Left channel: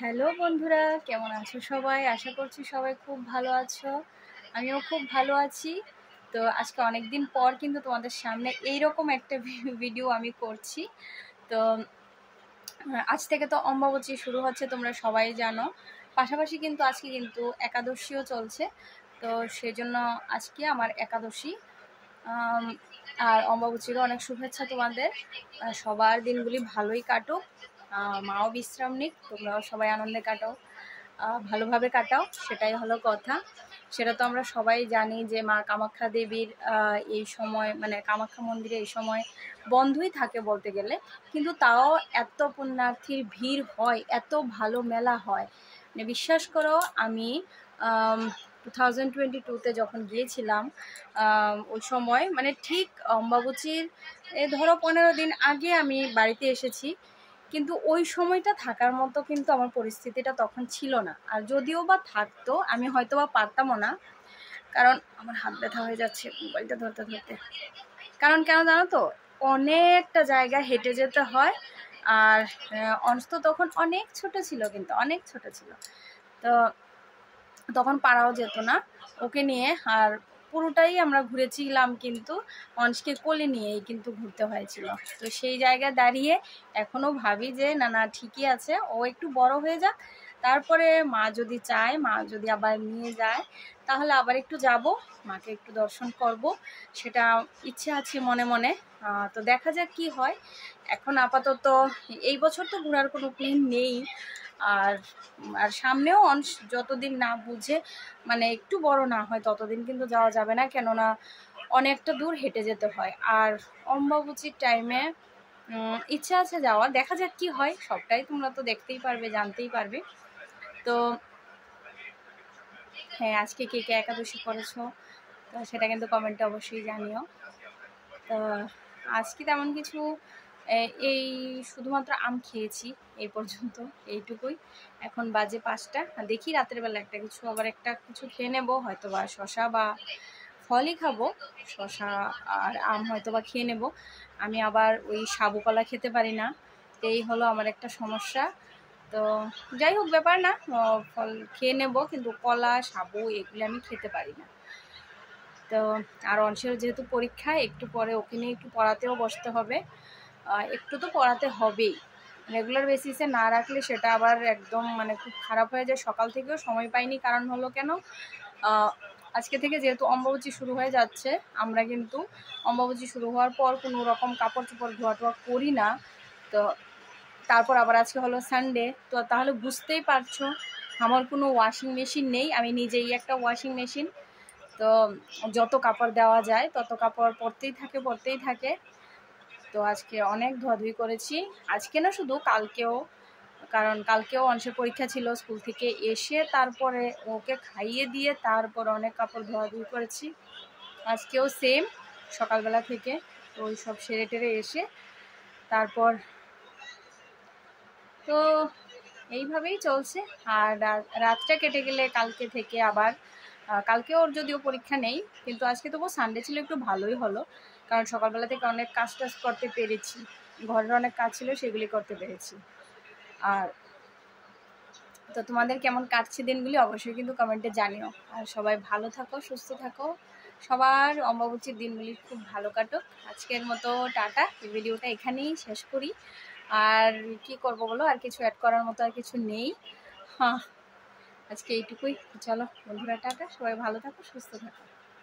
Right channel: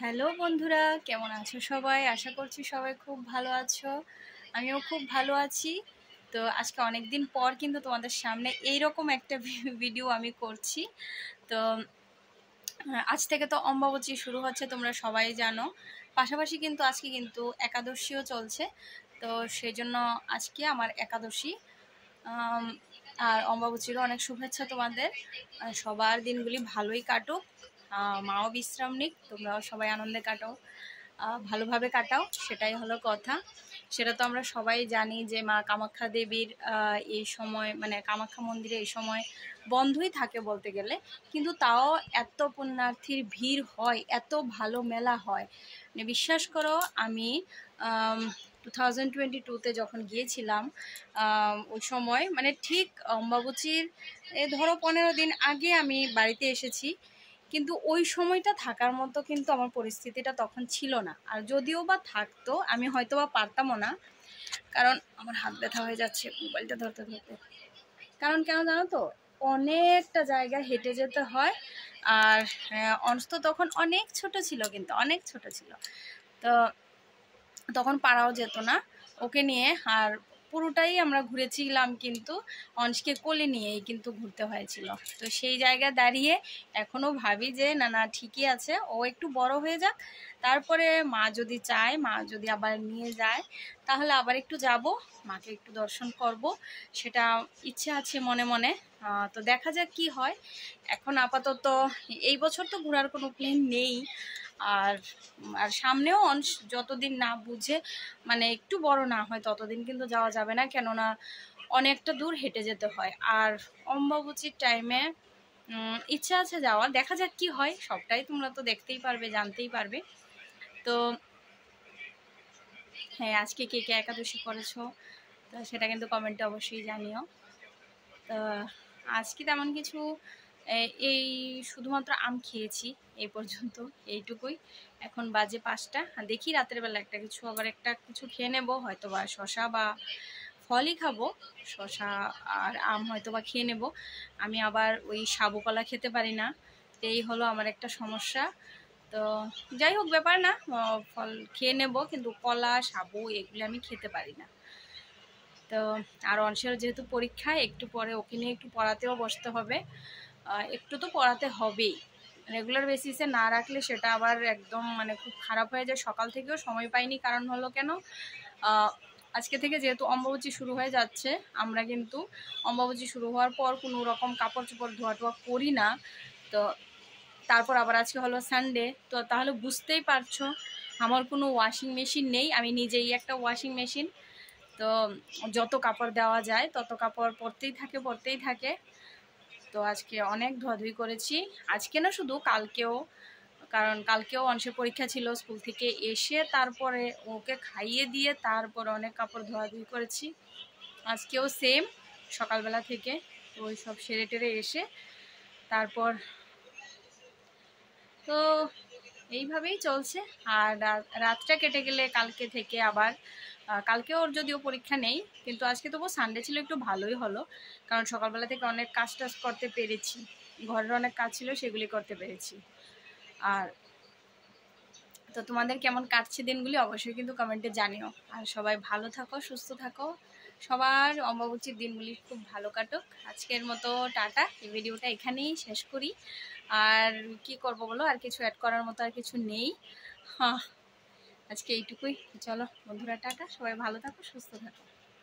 Hello বন্ধুরা, কেমন আছো সবাই? আশা করছি সবাই খুব ভালো আছো। আমিও খুব ভালো আছি। তো আজকে অনেক দিন পর কিন্তু তোমাদের সামনে এইরকম একটা ভিডিও আমি করছি। তো আজ থেকে তো অম্বুবাচী শুরু হচ্ছে, তোমরা সবাই জানো। পাশাপাশি কিন্তু আজকে কিন্তু একাদশীও চলছে। তো সেজন্য আজকে আমার একাদশী। আর অম্বুবাচীরও অনেক শুভেচ্ছা তোমাদের। সবার দিনগুলি ভালোই কাটুক, মাও বিশ্রাম নিক, তোমরাও সবাই আনন্দে কাটাও, ভালোভাবে কাটাও, সেটাই হলো কথা। সেটা তো আমরা সবাই জানি যে মা কামাখ্যা দেবীর এই সময়, মানে কামাখ্যা মন্দিরে এই সময় বন্ধই থাকে বলতে গেলে, কিন্তু তাও এত পুণ্যার্থীর ভিড় হয়, এত ভালো মেলা হয়। মানে বিশ্বাস করো, আমি 2022-তে যখন গিয়েছিলাম, ওই সময় মানে ঠিক অম্বুবাচীর ধরো 15 দিন আগে আমি বাড়িতে এসেছি, কিন্তু ওই সময়টা থাকার মতো কিন্তু আমার পরিস্থিতিটা তখন ছিল না। আর যদিও বা থাকতো, আমি হয়তো বা পারতামও না, কারণ আমার হাত ব্যথা হয়ে যাচ্ছে মোবাইলটা ধরতে ধরতে। কারণ কেন জানো তো, অনেকটা জায়গা হেঁটে যেতে হয়। আর অংশ তো তখন অনেক ছোট ছিল, কিন্তু অনেক ছোট ছিল, তো তখন পারাও যেত না ওকে নিয়ে। আর পুরোটাই আমরা ঘুরেছিলাম কিন্তু অংশকে কোলে নিয়েই কিন্তু ঘুরতে হয়েছিল। তো সেই জায়গায় দাঁড়িয়ে এখনও ভাবি যে না না, ঠিকই আছে, ও একটু বড় হয়ে যাক, তারপরে মা যদি চায়, মা যদি আবার নিয়ে যায়, তাহলে আবার একটু যাব, মাকে একটু দর্শন করব, সেটা ইচ্ছে আছে মনে মনে। তো দেখা যাক কি হয়। এখন আপাতত এই বছর তো ঘোরার কোনো প্ল্যান নেই। আর আর সামনেও যতদিন না বুঝে, মানে একটু বড় না হয়, ততদিন কিন্তু যাওয়া যাবে না, কেননা অনেকটা দূর হেঁটে যেতে হয়। আর অম্বুবাচীর টাইমে ইচ্ছা আছে যাওয়া, দেখা যাক কি হয়। সবটাই তোমরা তো দেখতেই পারবে, জানতেই পারবে। তো হ্যাঁ, আজকে কে কে একাদশী করেছো সেটা কিন্তু কমেন্টে অবশ্যই জানিও। তো আজকে তেমন কিছু, এই শুধুমাত্র আম খেয়েছি এই পর্যন্ত, এইটুকুই। এখন বাজে 5টা, দেখি রাতের বেলা একটা কিছু, আবার একটা কিছু খেয়ে নেবো, হয়তো বা শশা বা ফলই খাবো, শশা আর আম হয়তো বা খেয়ে নেব। আমি আবার ওই সাবু কলা খেতে পারি না, এই হলো আমার একটা সমস্যা। তো যাই হোক, ব্যাপার না, ফল খেয়ে নেব, কিন্তু কলা সাবু এগুলো আমি খেতে পারি না। তো আর অংশের যেহেতু পরীক্ষা, একটু পরে ওকে নিয়ে একটু পড়াতেও বসতে হবে, একটু তো পড়াতে হবেই। রেগুলার বেসিসে না রাখলে সেটা আবার একদম মানে খুব খারাপ হয়ে যায়। সকাল থেকেও সময় পাইনি, কারণ হলো কেন, আজকে থেকে যেহেতু অম্বুবাচী শুরু হয়ে যাচ্ছে, আমরা কিন্তু অম্বুবাচী শুরু হওয়ার পর কোনো রকম কাপড় চোপড় ধোয়া টোয়া করি না। তো তারপর আবার আজকে হলো সানডে, তো তাহলে বুঝতেই পারছো আমার কোনো ওয়াশিং মেশিন নেই, আমি নিজেই একটা ওয়াশিং মেশিন। তো যত কাপড় দেওয়া যায় তত কাপড় পরতেই থাকে। তো আজকে অনেক ধোয়াধুয়ি করেছি, আজকে না শুধু কালকেও, কারণ কালকেও অংশের পরীক্ষা ছিল, স্কুল থেকে এসে তারপরে ওকে খাইয়ে দিয়ে তারপর অনেক কাপড় ধোয়াধুয়ি করেছি। আজকেও সেম, সকালবেলা থেকে ওই সব সেরে টেরে এসে তারপর, তো এইভাবেই চলছে। আর রাতটা কেটে গেলে কালকে থেকে আবার, কালকে ওর যদিও পরীক্ষা নেই, কিন্তু আজকে তবু সানডে ছিল, একটু ভালোই হলো, কারণ সকালবেলা থেকে অনেক কাজ টাজ করতে পেরেছি, ঘরের অনেক কাজ ছিল সেগুলি করতে পেরেছি। আর তো তোমাদের কেমন কাটছে দিনগুলি অবশ্যই কিন্তু কমেন্টে জানিও। আর সবাই ভালো থাকো, সুস্থ থাকো, সবার অম্বুবাচীর দিনগুলি খুব ভালো কাটুক। আজকের মতো টাটা, এই ভিডিওটা এখানেই শেষ করি। আর কি করব বলো, আর কিছু অ্যাড করার মতো আর কিছু নেই। হ্যাঁ, আজকে এইটুকুই। চলো বন্ধুরা, টাটা, সবাই ভালো থাকো, সুস্থ থাকো।